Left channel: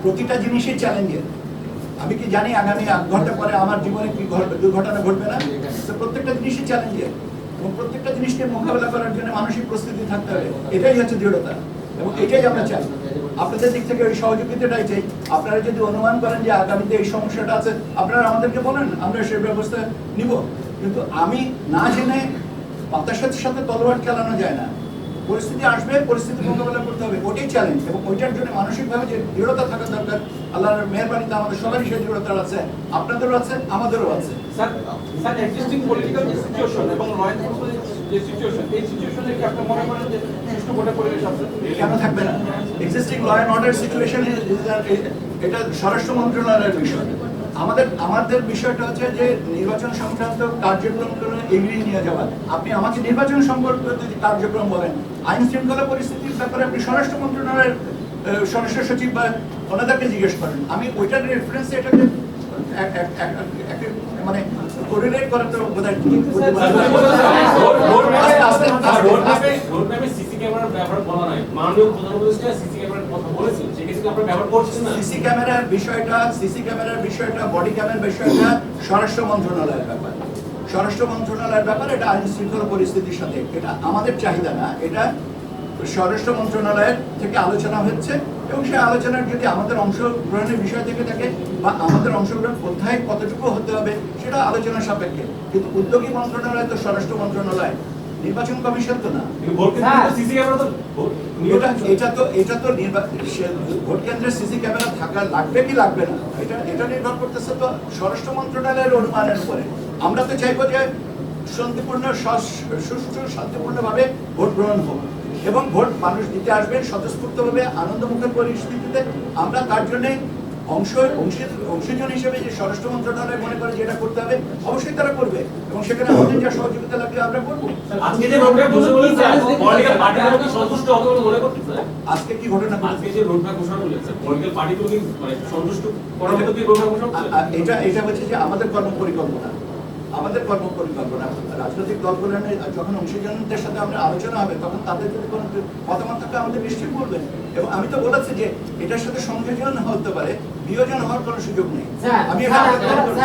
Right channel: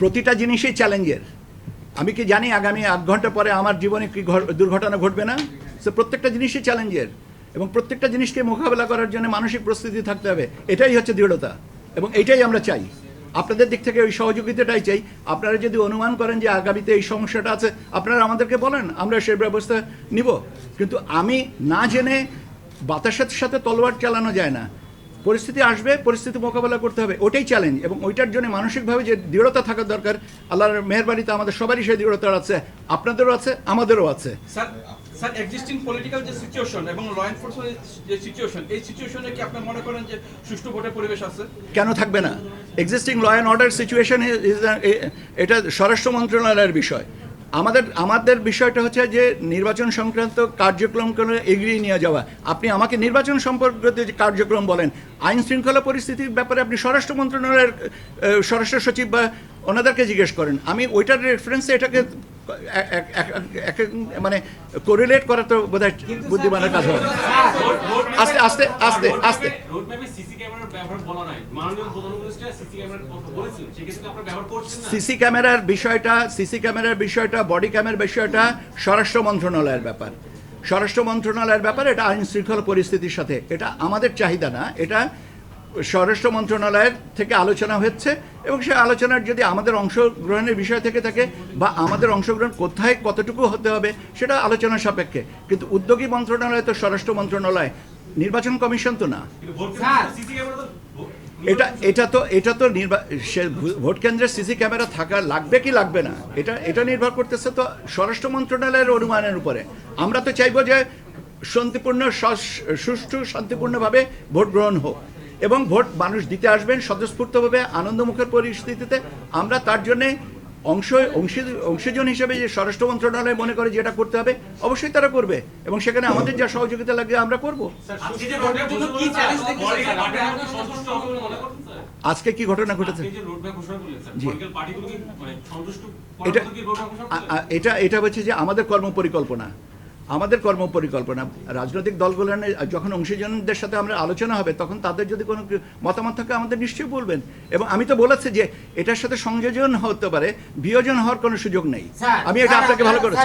প্রতিটা জিনিসই চ্যালেঞ্জের আমি কি জানি আগামী আধ ঘণ্টা পরে আমার জীবনে কি দুর্ঘটনা ঘটবে না? তো প্রত্যেকটা জিনিসই চ্যালেঞ্জের এবং প্রত্যেকটা জিনিসকে মোকাবেলা করার জন্য মানসিক প্রস্তুতি থাকতে হবে। এটাই হচ্ছে দৃঢ়তা। এবং এটাই আমরা চাই। আপনাদের দিক থেকে ওই সহযোগিতাটাই চাই। আপনারা যদি অনুমান করেন যে আগামীতে এই সমস্যাটা আছে, আপনারা আমাদেরকে বলেন, আমরা সেই ব্যবস্থা নিব। কিন্তু আমি না জেনে বাতাসের সাথে তলোয়ার চালানো যায় না। পরিস্থিতি আসবে পরিস্থিতি মোকাবেলা করতে হবে ওটাই চ্যালেঞ্জ এবং ওইটার জন্য মানসিকভাবে যে দৃঢ়তা থাকা দরকার আল্লাহর মেহরবানিতে আমাদের সবারই সেই দৃঢ়তা আছে আপনাদেরও আছে আমাদেরও আছে। স্যার স্যার এক্সিস্টিং পলিটিক্যাল যে সিচুয়েশন এবং ল এনফোর্সমেন্ট যে সিচুয়েশন এই সিচুয়েশনে কি আপনি মনে করেন যে সুষ্ঠু ভোটের পরিবেশ আছে? কেন থাকবে না? Existing law and order situation এটা স্বরাষ্ট্র মন্ত্রণালয়ের বিষয়। আমাদের আমাদের বিষয়টা হচ্ছে যে নির্বাচন সংক্রান্ত কার্যক্রমগুলো এগিয়ে নিয়ে যাওয়া। আপনি আমাকে নির্বাচন সম্পর্কিত যে কার্যক্রম বলেন, আইন শৃঙ্খলা পরিস্থিতির ব্যাপারে আপনি স্বরাষ্ট্র মন্ত্রণালয়ের স্বরাষ্ট্র সচিব বা ওনাদেরকে জিজ্ঞেস করেন। আমি ওইটার রেফারেন্সে এটাকে মানে কোরিলেট করা তো বোধহয় না। আস্তে আস্তে আস্তে আস্তে। সিসি ক্যামেরার ব্যবহার বলা নাই মাননীয় প্রধান সিসি ক্যামেরার কথা বলেছেন। সেক্ষেত্রে কি আপনারা ব্যবহার করছেন না। সিসি ক্যামেরার বিষয়টা সিসি ক্যামেরার বিষয়টা বডি ক্যামেরার বিষয়টা স্বরাষ্ট্র মন্ত্রণালয়ের ব্যাপার। স্বরাষ্ট্র মন্ত্রণালয়ের ব্যাপার এটা আইন শৃঙ্খলা পরিস্থিতির সাথে এটা আমাদের চাহিদা না এটা স্বরাষ্ট্র মন্ত্রণালয়ের থেকে আলোচনা হচ্ছে এবং সেই আলোচনার যদি আমাদের অংশগ্রহণের বিষয় থেকে থাকে বা আমাদের অংশগ্রহণ কোথায় কতটুকু হতে হবে সেটা আলোচনা সাপেক্ষে। কিন্তু উদ্যোগী মন্ত্রণালয় তো স্বরাষ্ট্র মন্ত্রণালয়। নির্বাচন কমিশন তো না। ক্যামেরা এটা এটা তো এটা তো ভোট কেন্দ্রে সিসি ক্যামেরা থাকা লাগবে কি লাগবে না? এটা এটা নির্ভর করতেছে তো স্বরাষ্ট্র মন্ত্রণালয়ের অনুমানের উপরে। আমরা তো চাইব যে শান্তিপূর্ণ সুষ্ঠু শান্তিপূর্ণভাবে ভোট গ্রহণ হোক। এবং ভোট মানুষ দিতে আসবেন স্বতঃস্ফূর্তভাবে আনন্দমুখের পরিস্থিতিতে। আমরা তার জন্য অংশ অংশী- অংশীজন হিসেবে যে স্বরাষ্ট্র মন্ত্রণালয় মনে করে যেটা করতে হবে অবশ্যই তারা করবে। এবং সেখানে আমাদের যা সহযোগিতা লাগে আমরা করব। আজকে কি সন্তুষ্ট হবে বলে মনে করছেন স্যার? আজকে কি ঘটনা ঘটেছে? আজকে যে রোডম্যাপ ঘোষণা করেছে পলিটিক্যাল পার্টিগুলো কি মানে এটা এটা হচ্ছে যে আমাদের কর্ম পরিকল্পনা আমাদের কর্ম পরিকল্পনা রাজনৈতিক দলগুলো যখন অংশীজনদের সাথে আমরা আলোচনা হবে তখন তাদের যদি কোনো মতামত থাকে আমাদের নিশ্চয়ই বলবেন এবং আমি তো বলেছি যে এটার সাথে সংযোজন হতে পারে বিয়োজন হওয়ার কোনো সুযোগ নেই আমি এটা আপনাকে ভালো করেছি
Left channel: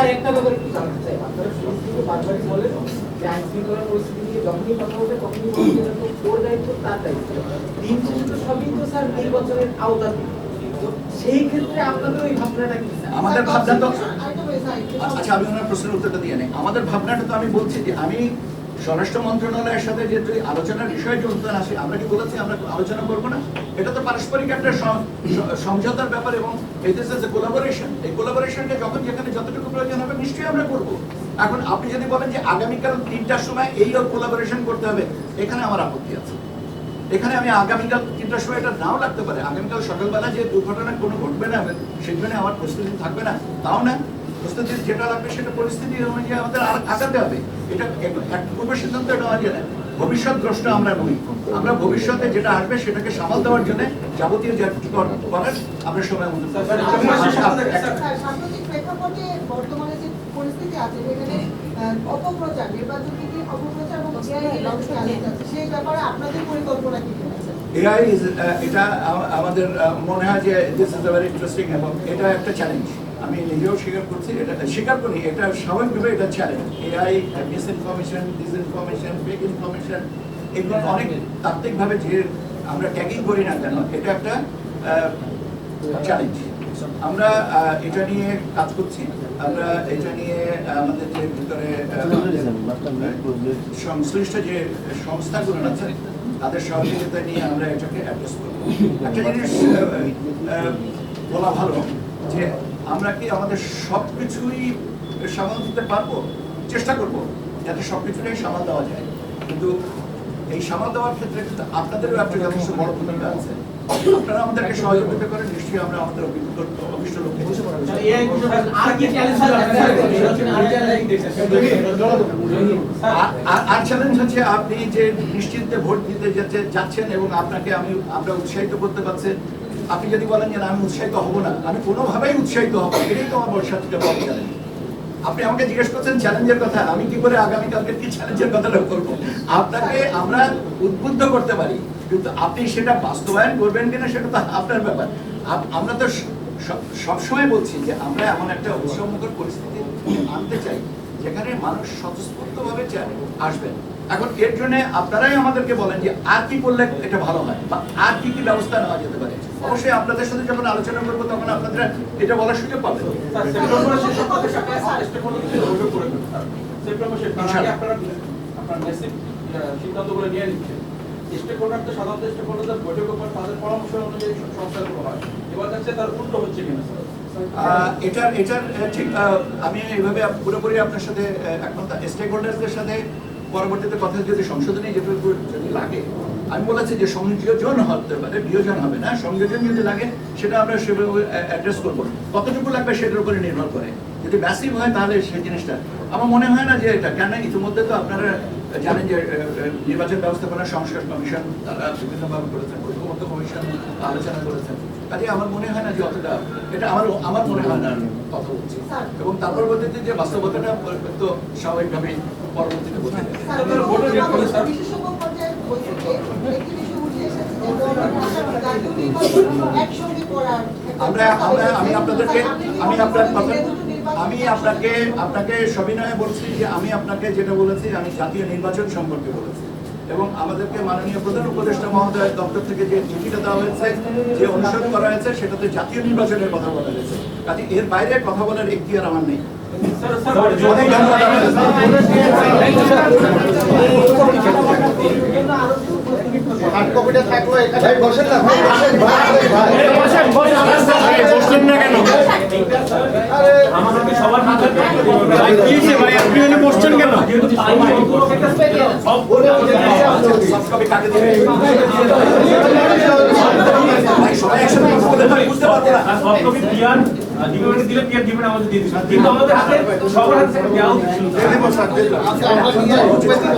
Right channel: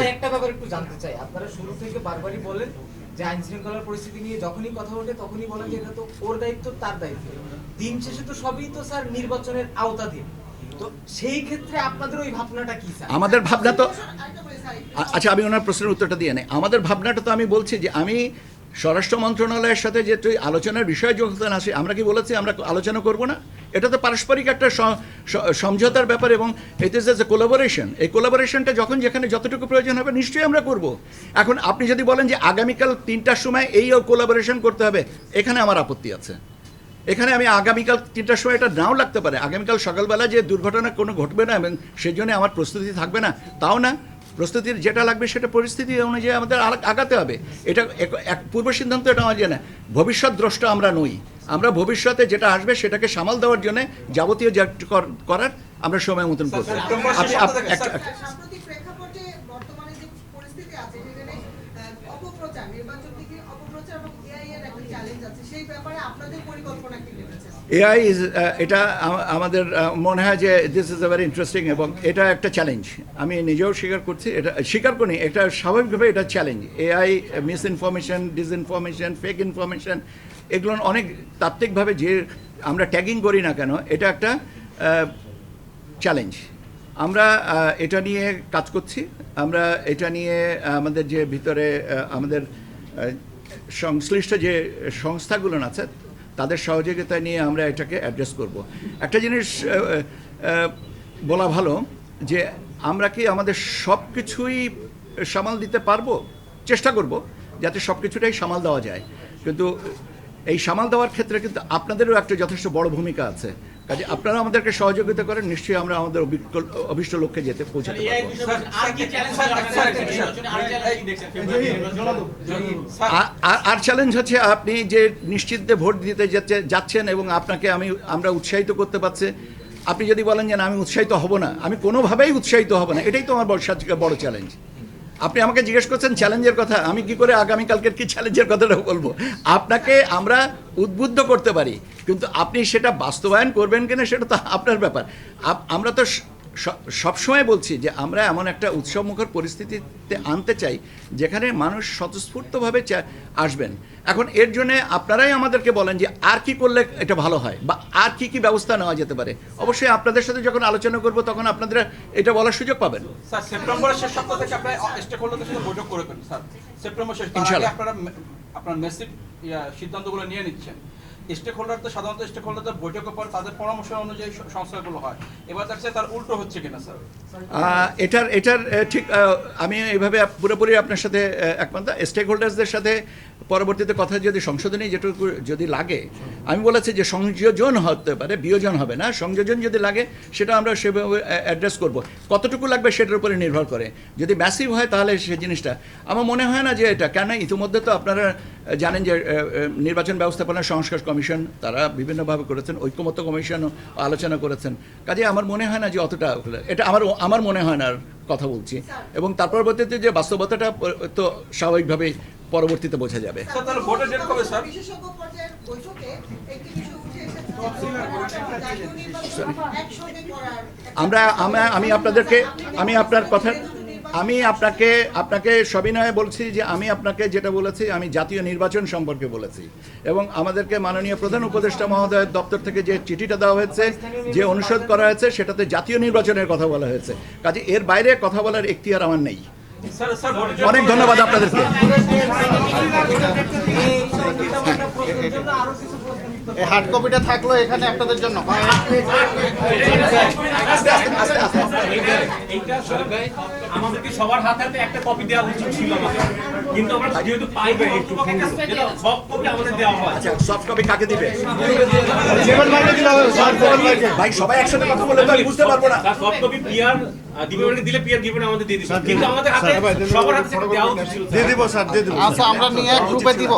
যে আইন শৃঙ্খলার পরিস্থিতি নিয়ে যখনই কথা বলবে তখনই ওর দায়িত্ব, তার দায়িত্ব। দিন শেষে তো সবই তো স্যার নির্বাচনের আওতাধীন। তো সেই ক্ষেত্রে আপনাদের ওই ভাবনাটা কি আমাদের ভাবনা তো আচ্ছা আমি ওনার প্রশ্নের উত্তরটা দিয়ে নেই। আমাদের ভাবনাটা তো আমি বলছি যে আমি স্বরাষ্ট্র মন্ত্রণালয়ের সাথে যে তুই আলোচনার বিষয় যখন আসে আমরা কি বলেছি আমরা আলোচনা করব না? এটা তো পারস্পরিক একটা সমঝোতার ব্যাপার এবং ইট ইস এ কোলাবোরেশন এই কোলাবোরেশনটা যখন যেখানে যতটুকু প্রয়োজন হবে নিশ্চয়ই আমরা করব। এখন আপনি যদি বলেন যে আগামীকাল তিনটার সময় এই কোলাবোরেশন করতে হবে এখানে আমার আপত্তি আছে। এখানে আমি আগামীকাল তিনটার সময় এটা নাও লাগতে পারে আগামীকাল সকালবেলা যে দুর্ঘটনা কোনো ঘটবে না এবং সেই জন্য আমার প্রস্তুতি থাকবে না তাও না প্রস্তুতি যেটা লাগবে সেটা পরিস্থিতি অনুযায়ী আমাদের আর- আগাতে হবে এটা এক- পূর্ব সিদ্ধান্ত নেওয়া যায় না ভবিষ্যৎ দ্রষ্ট আমরা নই আমরা ভবিষ্যতে যেটা আসবে সেটাকে সামাল দেওয়ার জন্য যাবতীয় যা কর- করার আমরা সময় মতন। এআই ইজ এটা আমাদের মনে হয় যে দিস ইজ ভেরি ইন্টারেস্টিং এবং এটা একটা চ্যালেঞ্জ আমি নিজেও স্বীকার করছি, এটা, স্বীকার করি, এটা স্বাভাবিকভাবে এটা challenge AI misinformation disinformation fake information এগুলো অনেক তাত্ত্বিকভাবে যে আমরা ট্যাগিং করি না কেন, এটা একটা চ্যালেঞ্জ আমরা এটা নিয়ে কাজ করছি। আমরা এটা নিয়ে আমাদের যে ভিতরে সংশ্লিষ্ট যে সংস্থাগুলো আছে, তাদের সহযোগিতা নিয়ে আমরা এটাকে অ্যাড্রেস করব। একটা জিনিস বলা ভালো যে আমরা কি আমাদের সব কিছুই সামাল দিতে পারব? চেষ্টা করব, যাতে সব কিছুটাই সামাল দেওয়া যায়। কিন্তু এই সামাল দেওয়ার ক্ষেত্রে কিন্তু আপনাদেরও একটা যথেষ্ট বড় ভূমিকা আছে। আপনারা আমাদেরকে সহযোগিতা করেন নিশ্চয়ই আমরা আমাদের অভিষ্ট লক্ষ্যে যেতে আর চ্যালেঞ্জ আর- চ্যালেঞ্জ হচ্ছে আপনি যে নিশ্চিন্তে ভোট দিতে যেতে- যাচ্ছেন এবং আপনাকে আমি আমরা উৎসাহিত করতে পারছি। আপনি যদি বলেন যে না আমি উৎসাহিত হব না আমি কোনোভাবেই উৎসাহিত হব না এটাই তো আমার বর্ষা থেকে বড় চ্যালেঞ্জ আপনি আমাকে জিজ্ঞেস করছেন চ্যালেঞ্জের কথা, আমি কি করে আগামী কালকের কি চ্যালেঞ্জের কথাটা বলব? আপনাকে আমরা উদ্বুদ্ধ করতে পারি, কিন্তু আপনি সেটা বাস্তবায়ন করবেন কিনা সেটা তো আপনার ব্যাপার। আমরা তো সবসময় বলছি যে আমরা এমন একটা উৎসবমুখর পরিস্থিতি আনতে চাই, যেখানে মানুষ স্বতঃস্ফূর্তভাবে আসবেন। এখন এর জন্য আপনারাই আমাদেরকে বলেন যে আর কি করলে এটা ভালো হয় বা আর কি কি ব্যবস্থা নেওয়া যেতে পারে। অবশ্যই আপনাদের সাথে যখন আলোচনা করব তখন আপনারা এটা বলার সুযোগ পাবেন। সিদ্ধান্তগুলো নিয়ে নিচ্ছেন। সাধারণত বৈঠকের পর তাদের পরামর্শ অনুযায়ী হয়। এবার দেখছে তার উল্টো হচ্ছে কিনা স্যার? এটার এটার ঠিক আমি এইভাবে পুরোপুরি আপনার সাথে আহ, একমত। স্টেক হোল্ডার্সদের সাথে পরবর্তীতে কথা যদি সংশোধনী যেটুকু যদি লাগে আমি বলেছি যে সংযোজন হতে পারে বিয়োজন হবে না। সংযোজন যদি লাগে সেটা আমরা সেভাবে অ্যাড্রেস করব। কতটুকু লাগবে সেটার উপরে নির্ভর করে। যদি ম্যাসিভ হয় তাহলে সেই জিনিসটা। আমার মনে হয় না যে এটা কেন ইতিমধ্যে তো আপনারা জানেন যে নির্বাচন ব্যবস্থাপনা সংস্কার কমিশন তারা বিভিন্নভাবে করেছেন ঐক্যমত্য কমিশন আলোচনা করেছেন। কাজে আমার মনে হয় না যে অতটা এটা আমার আমার মনে হয় না কথা বলছি। এবং তার পরবর্তীতে যে বাস্তবতাটা তো স্বাভাবিকভাবে পরবর্তীতে বোঝা যাবে। একটি একটা- আমরা আমরা, আমি আপনাদেরকে, আমি আপনার কথা, আমি আপনাকে আপনাকে সবিনয়ে বলছি যে আমি আপনাকে যেটা বলেছি, আমি জাতীয় নির্বাচন সম্পর্কে বলেছি। এবং আমাদেরকে মাননীয় প্রধান উপদেষ্টা মহোদয়ের দপ্তর থেকে যে চিঠিটা দেওয়া হয়েছে, যে অনুসরণ করা হয়েছে, সেটাতে জাতীয় নির্বাচনের কথা বলা হয়েছে। কাজে এর বাইরে কথা বলার এখতিয়ার আমার নেই। অনেক ধন্যবাদ হার্ড কপিটা থাকল এখানে আমাদেরকে সবার হাতে। কি যে ভাই, আপনি এনে বসছেন কেন? সব বলে আমাদের। সফট কপি কাকে দেবে ভাই সবাই একসাথে বুঝতে পারব না সব কপি পিয়ার, আমাদের দিয়ে দিবে। কিন্তু আমাদের হাতে সবার হাতে দেওয়া উচিত। আচ্ছা আমরা নিয়ে দিব